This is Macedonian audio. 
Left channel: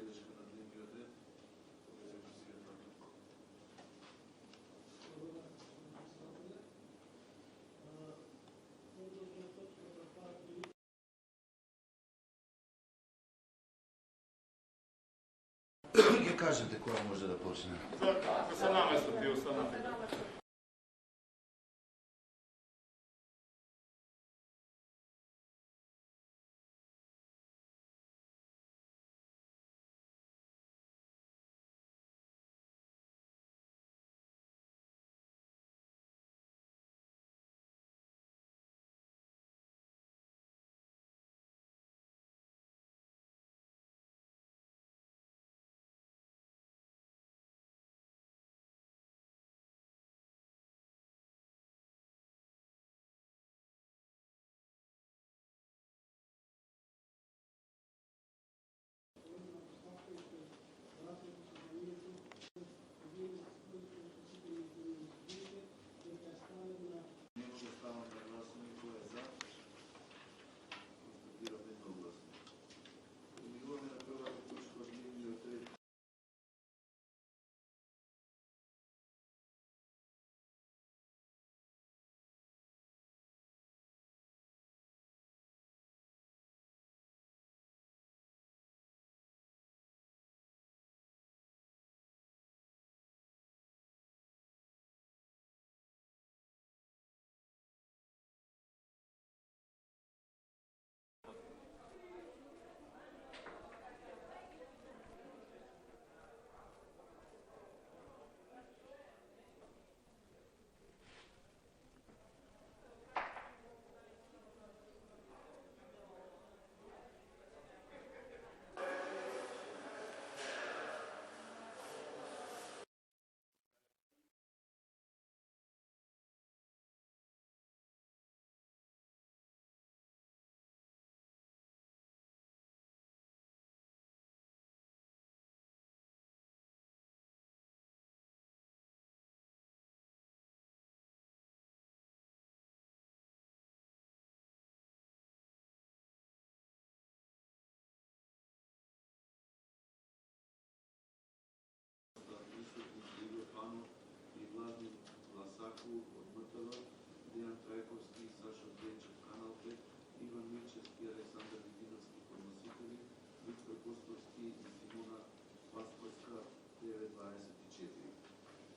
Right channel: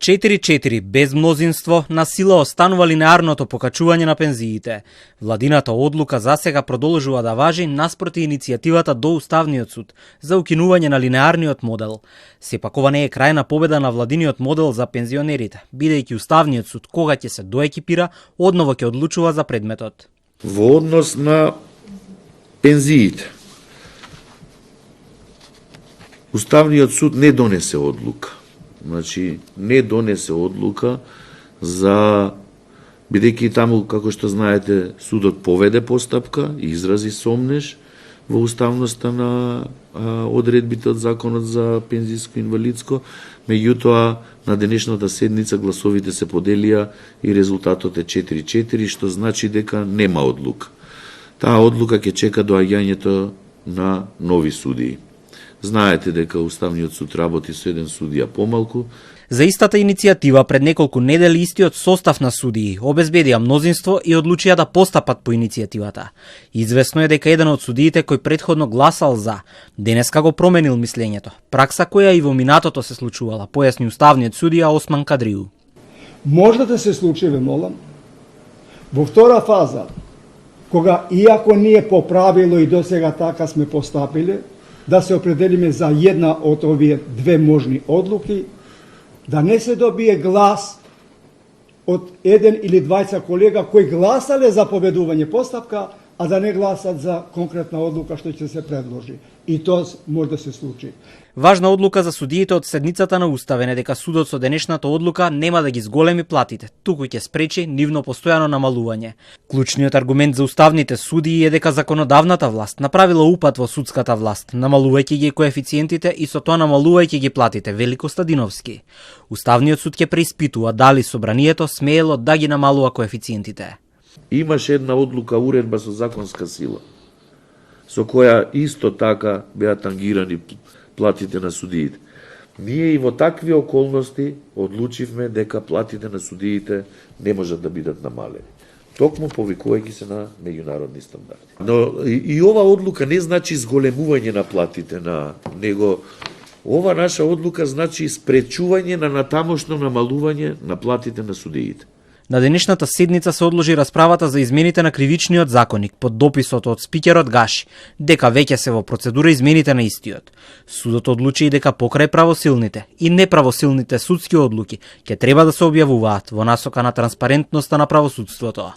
4-4 без мнозинство на сила останува линеарното покачување на пензиите. Владината одлука засега продолжува да важи наспроти иницијативата до Уставниот суд за укинување на линеарниот модел. Сепак ова не е крајна победа на владиниот модел за пензионерите, бидејќи Уставниот суд кога ќе се доекипира, одново ќе одлучува за предметот. Во однос на пензиите, Уставниот суд не донесе одлука. Значи, не донесе одлука за, бидејќи таму, како што знаете, судот поведе постапка и изрази сомнеж во уставноста на одредбите од Законот за пензиско и инвалидско, меѓутоа на денешната седница гласовите се поделија и резултатот е 4-4, што значи дека нема одлука. Таа одлука ќе чека доаѓањето на нови судии. Знаете дека Уставниот суд работи со еден судија помалку. За истата иницијатива пред неколку недели истиот состав на судии обезбедија мнозинство и одлучија да постапат по иницијативата. Известно е дека еден од судиите кој претходно гласал за, денеска го променил мислењето. Пракса која и во минатото се случувала, појасни уставниот судија Осман Кадриу. Може да се случи, ве молам, во втора фаза, кога иако ние по правило и досега така сме постапиле, да се определиме за една од овие две можни одлуки, да не се добие глас од еден или двајца колега кои гласале за победување постапка, а да не гласат за конкретна одлука што ќе се предложи. И тоа може да се случи. Важна одлука за судиите од седницата на Уставен е дека судот со денешната одлука нема да ги зголеми платите, туку ќе спречи нивно постојано намалување. Клучниот аргумент за уставните судии е дека законодавната власт направила упат во судската власт, намалувајќи ги коефициентите и со тоа намалувајќи ги платите, вели Костадиновски. Уставниот суд ќе преиспитува дали собранието смеело да ги намалува коефициентите. Имаше една одлука, уредба со законска сила, со која исто така беа тангирани платите на судиите. Ние и во такви околности одлучивме дека платите на судиите не можат да бидат намалени. Токму повикувајќи се на меѓународни стандарди. Но и ова одлука не значи зголемување на платите на него. Ова наша одлука значи спречување на натамошно намалување на платите на судиите. На денешната седница се одложи расправата за измените на кривичниот законник под дописот од спикерот Гаши, дека веќе се во процедура измените на истиот. Судот одлучи и дека покрај правосилните и неправосилните судски одлуки ќе треба да се објавуваат во насока на транспарентноста на правосудството.